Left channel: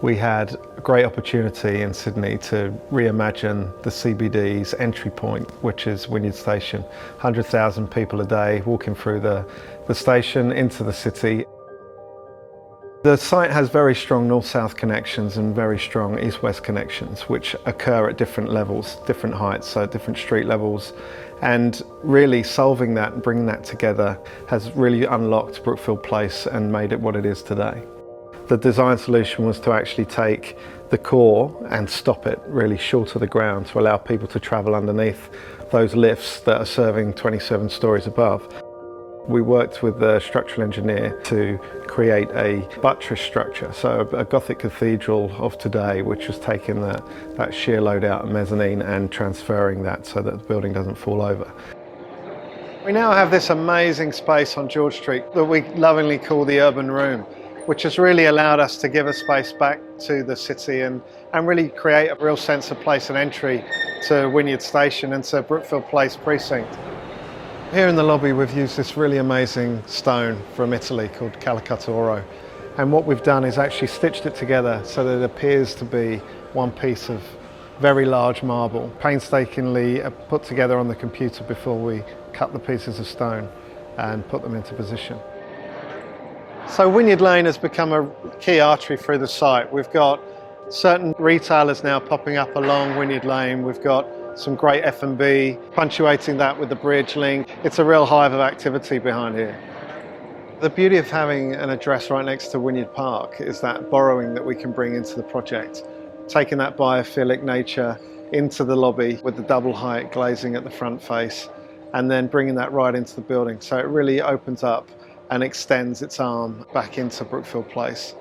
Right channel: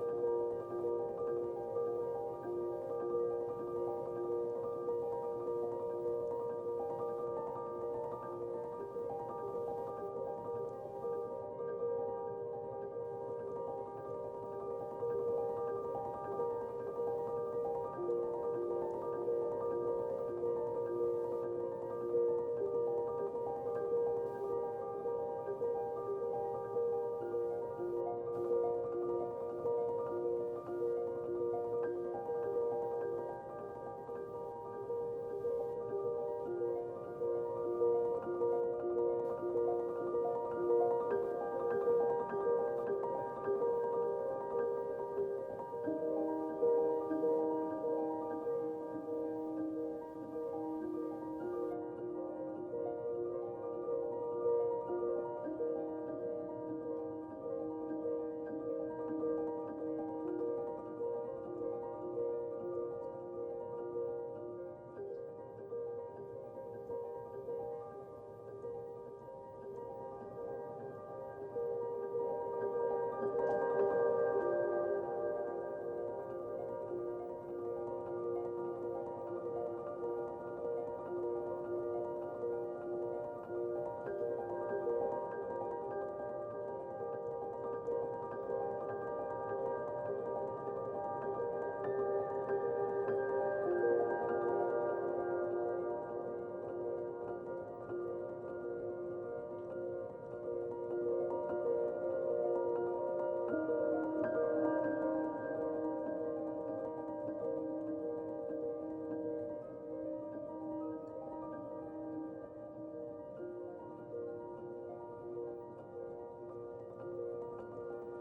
We had a great opportunity in Sydney to reimagine the CBD's entry point, which is Wynyard Station. 100,000 people a day walking through the station into the city. The site has very strong north-south connections and very strong east-west connections, which occur at different levels, different heights, so different street levels. And really solving that and bringing that together has really unlocked Brookfield Place and made it what it is today. The design solution was to actually take the core and stop it really short of the ground to allow people to travel underneath those lifts that are serving 27 stories above. We worked with the structural engineer to create a buttress structure, so a Gothic cathedral of today, which was taking that shear load out of mezzanine and transferring that so that the building doesn't fall over. We now have this amazing space on George Street that we lovingly call the Urban Room, which has really allowed us to give a space back to the city and really create a real sense of place and entry to Wynyard Station and to Brookfield Place precinct. Here in the lobby we've used this really amazing stone from Italy called Calcutta Oro, and what we've done is actually stitched it together so that it appears to be one piece of very large marble, painstakingly put together on the computer before we cut the pieces of stone and put them into position. So Wynyard Lane has become a key artery through the site. We've got certain retailers now popping up along Wynyard Lane. We've got some great F&B, punctuating that with the bridge link. It's a real hive of activity behind here. The beauty of having an address right next to Wynyard Park is that borrowing that we can bring into the project, taking that biophilic nature into the lobby with the double height glazing at the front face, and then bringing that right into the building. So it really opens up and extends its arm back into Brookfield Place.